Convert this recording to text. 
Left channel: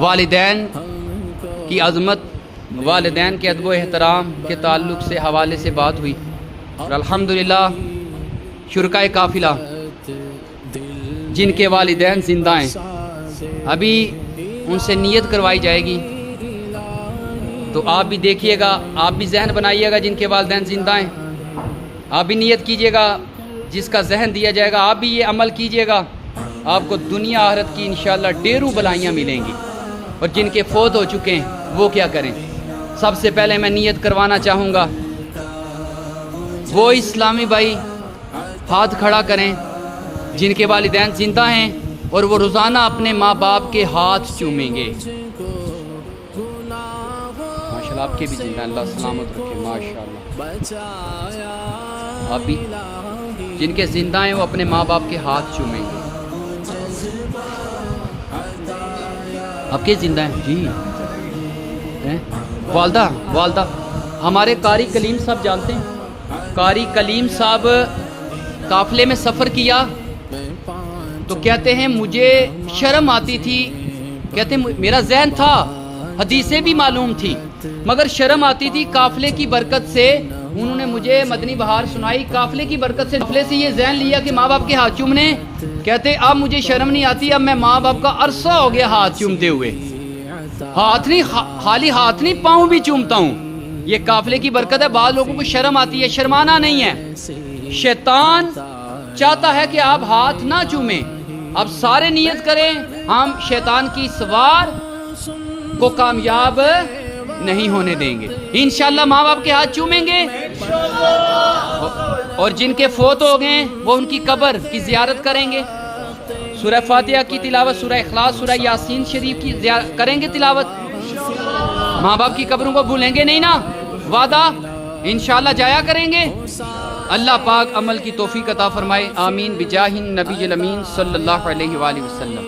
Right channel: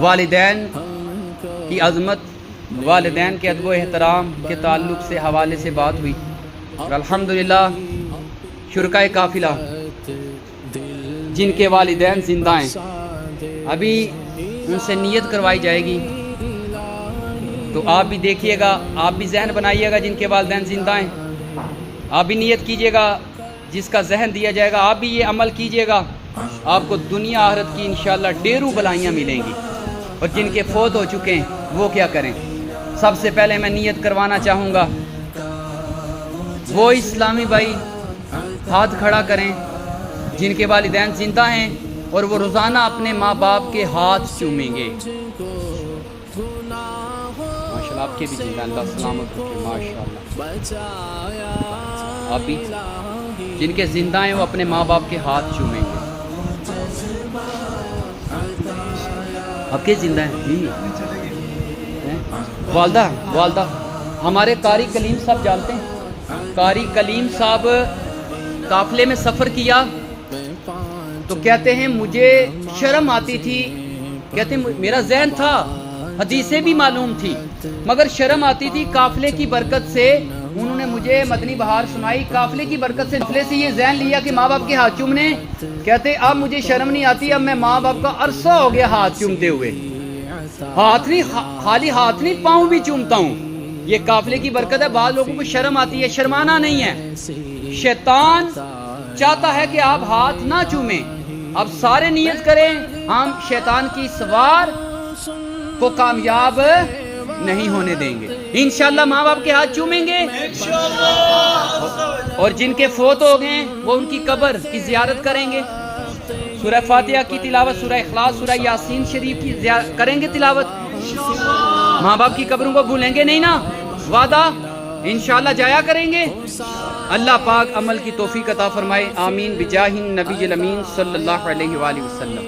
والدین کی عظمت، والدین کے ادب و احترام کے تعلق سے حوالے سے بات ہوئی اور الحمدللہ شرکائے قافلہ جن کے والدین زندہ ہیں ابھی ان سے نیت کروائی جائے گی، تو آپ بھی دیکھیے گا، آپ بھی ذہن بنائیے گا جن کے والدین زندہ ہیں، آپ بھی نیت کیجیے گا، جس کا ذہن دیا جائے گا آپ بھی یہ عمل کیجیے گا، آپ کو دنیا آخرت کی انشاءاللہ ڈھیروں بلائیاں ملیں گی۔ اور جن کے فوت ہو چکے ہیں وہ کیا کریں؟ سب سے پہلے میں نیت کروانا چاہوں گا وہ اسلامی بھائی ہاتھ کھڑا کریں جن کے والدین زندہ ہیں اور وہ روزانہ اپنے ماں باپ کے ہاتھ چومیں گے۔ ماشاءاللہ آپ کے بھی زندہ، اللہ سلامت رکھے، ماشاءاللہ آپ بھی جن کے زندہ ہیں وہ اپنے ماں باپ کے ہاتھ چومیں گے۔ آپ کے زندہ ہیں؟ والدہ ہمارے قاری کلیم صاحب جانتے ہیں؟ قاری کلیم صاحب قافلے میں سفر کیا تو کہتے ہیں مجھے شرم آتی تھی، کہتے ہیں میرا ذہن تھا، حدیثیں بھی معلوم تھی مگر شرم آتی تھی، قافلے کی برکت سے انہوں نے مجھے مدنی بہار سنائی، قافلے کی برکت سے قافلے سے یہ ذہن لیا کہ ماں باپ کے ہاتھ چومنے، کہتے اب مجھے شرم نہیں آتی، اب میں ماں باپ کا عرصہ ہو گیا ہاتھ چومتے ہوئے، ہاتھ نہیں خالی ہاتھ نہیں پاؤں بھی چومتا ہوں، یہ قافلے کی برکت ہے۔ بعض لوگوں کو شرم آتی ہے، شرمانا نہیں ہے، شیطان چاہتا ہے کہ آپ ہاتھ نہ چومیں، اب سارے نیت کریں ہم شیطان کی سوار کو کامیاب نہیں ہونے دیں گے، انشاءاللہ ماں باپ کے ہاتھ چومیں گے، اور جن کے فوت ہو گئے وہ ان کی قبر کی زیارت کریں گے، سورہ فاتحہ کی تلاوت، سورہ اخلاص، سورہ یاسین شریف کی کریں گے تلاوت، ماں باپ کی قبروں کو بھولیں گے نہیں نا، وعدہ انشاءاللہ جایا کریں گے۔ اللہ پاک عمل کی توفیق عطا فرمائے، آمین بجاہ النبی الامین صلی اللہ علیہ وآلہ وسلم۔